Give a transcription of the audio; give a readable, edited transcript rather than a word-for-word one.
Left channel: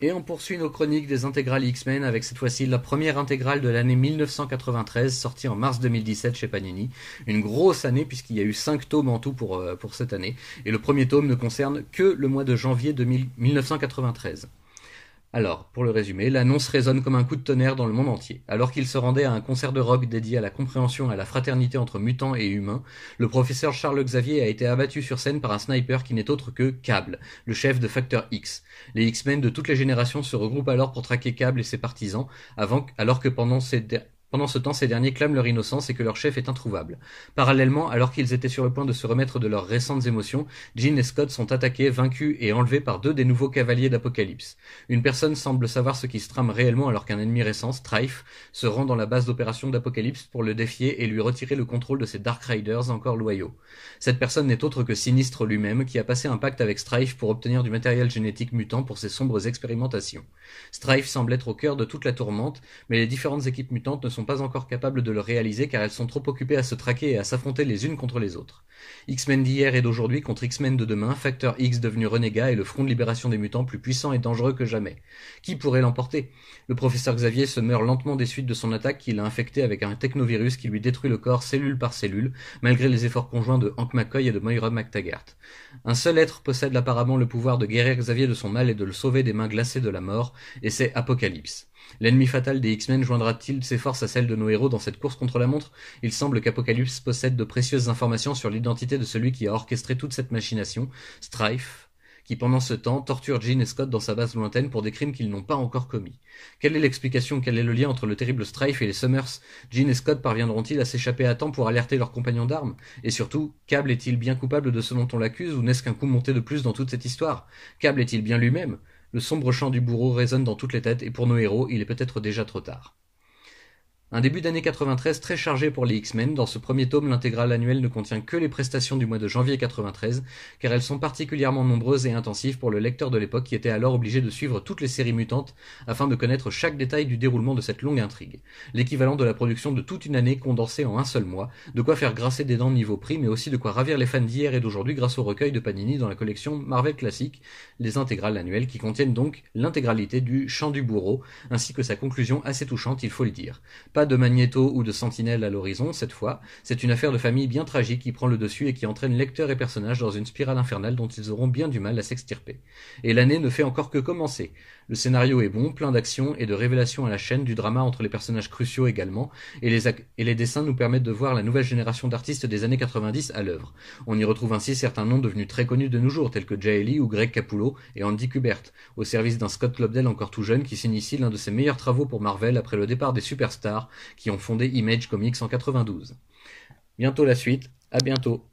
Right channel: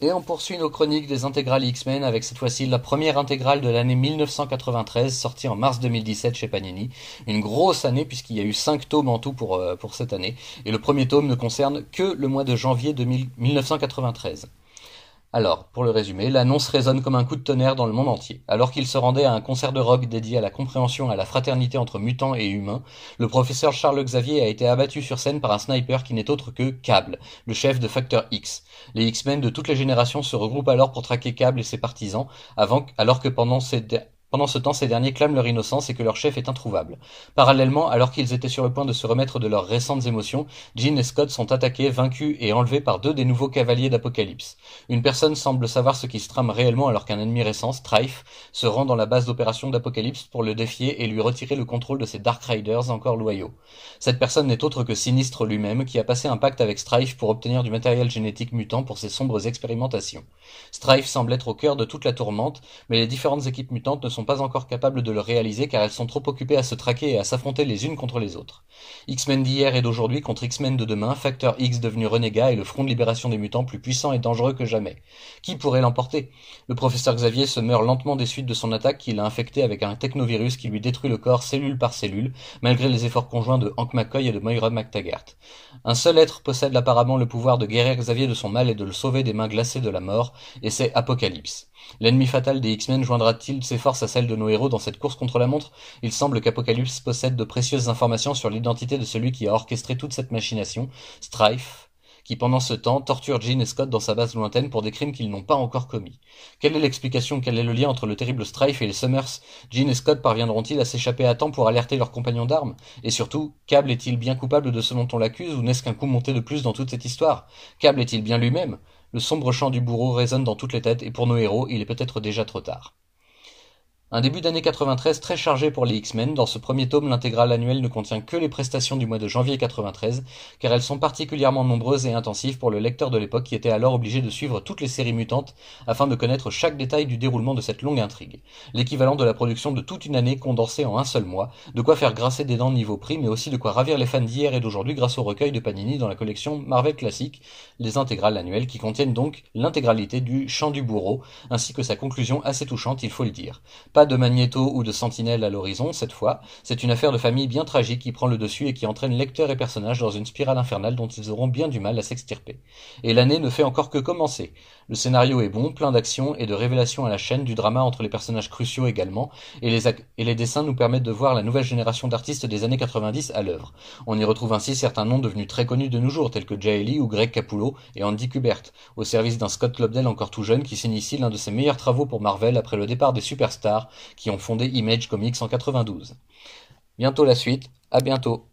Et on poursuit nos chroniques des intégrales X-Men avec cette fois-ci la première intégrale de l'année 1993, sortie en mars 2017 chez Panini. Une grosse année puisqu'il y a eu 5 tomes en tout pour cette année. Et le premier tome ne concerne que le mois de janvier 1993. Alors, pour le résumer, l'annonce résonne comme un coup de tonnerre dans le monde entier. Alors qu'il se rendait à un concert de rock dédié à la compréhension et à la fraternité entre mutants et humains, le professeur Charles Xavier a été abattu sur scène par un sniper qui n'est autre que Cable, le chef de Facteur X. Les X-Men de toutes les générations se regroupent alors pour traquer Cable et ses partisans, alors que pendant ce temps, ces derniers clament leur innocence et que leur chef est introuvable. Parallèlement, alors qu'ils étaient sur le point de se remettre de leurs récentes émotions, Jean et Scott sont attaqués, vaincus et enlevés par 2 des nouveaux cavaliers d'Apocalypse. Une personne semble savoir ce qui se trame réellement alors qu'un ennemi récent, Strife, se rend dans la base d'opération d'Apocalypse pour le défier et lui retirer le contrôle de ses Dark Riders encore loyaux. Cette personne n'est autre que Sinistre lui-même, qui a passé un pacte avec Strife pour obtenir du matériel génétique mutant pour ses sombres expérimentations. Strife semble être au cœur de toute la tourmente, mais les différentes équipes mutantes ne sont pas encore capables de le réaliser car elles sont trop occupées à se traquer et à s'affronter les unes contre les autres. X-Men d'hier et d'aujourd'hui contre X-Men de demain, Facteur X devenu renégat et le front de libération des mutants plus puissant et dangereux que jamais. Qui pourrait l'emporter? Le professeur Xavier se meurt lentement des suites de son attaque qu'il a infecté avec un technovirus qui lui détruit le corps cellule par cellule, malgré les efforts conjoints de Hank McCoy et de Moira McTaggart. Un seul être possède apparemment le pouvoir de guérir Xavier de son mal et de le sauver des mains glacées de la mort, et c'est Apocalypse. L'ennemi fatal des X-Men joindra-t-il ses forces à celles de nos héros dans cette course contre la montre? Il semble qu'Apocalypse possède de précieuses informations sur l'identité de celui qui a orchestré toute cette machination, Strife, qui pendant ce temps torture Jean et Scott dans sa base lointaine pour des crimes qu'ils n'ont pas encore commis. Quelle est l'explication, quel est le lien entre le terrible Strife et les Summers? Jean et Scott parviendront-ils à s'échapper à temps pour alerter leurs compagnons d'armes? Et surtout, Cable est-il bien coupable de ce dont on l'accuse ou n'est-ce qu'un coup monté de plus dans toute cette histoire? Cable est-il bien lui-même? Le sombre chant du bourreau résonne dans toutes les têtes et pour nos héros, il est peut-être déjà trop tard. Un début d'année 93 très chargé pour les X-Men. Dans ce premier tome, l'intégrale annuelle ne contient que les prestations du mois de janvier 93, car elles sont particulièrement nombreuses et intensives pour le lecteur de l'époque qui était alors obligé de suivre toutes les séries mutantes afin de connaître chaque détail du déroulement de cette longue intrigue. L'équivalent de la production de toute une année condensée en un seul mois, de quoi faire grincer des dents niveau prix, mais aussi de quoi ravir les fans d'hier et d'aujourd'hui grâce au recueil de Panini dans la collection Marvel Classic, les intégrales annuelles qui contiennent donc l'intégralité du Chant du bourreau, ainsi que sa conclusion assez touchante, il faut le dire. Pas de Magnéto ou de Sentinelle à l'horizon, cette fois, c'est une affaire de famille bien tragique qui prend le dessus et qui entraîne lecteurs et personnages dans une spirale infernale dont ils auront bien du mal à s'extirper. Et l'année ne fait encore que commencer. Le scénario est bon, plein d'action et de révélations à la chaîne, du drama entre les personnages cruciaux également, et les dessins nous permettent de voir la nouvelle génération d'artistes des années 90 à l'œuvre. On y retrouve ainsi certains noms devenus très connus de nos jours, tels que Jay Lee ou Greg Capullo et Andy Kubert, au service d'un Scott Lobdell encore tout jeune qui signe ici l'un de ses meilleurs travaux pour Marvel après le départ des superstars qui ont fondé Image Comics en 92. Bientôt la suite, à bientôt.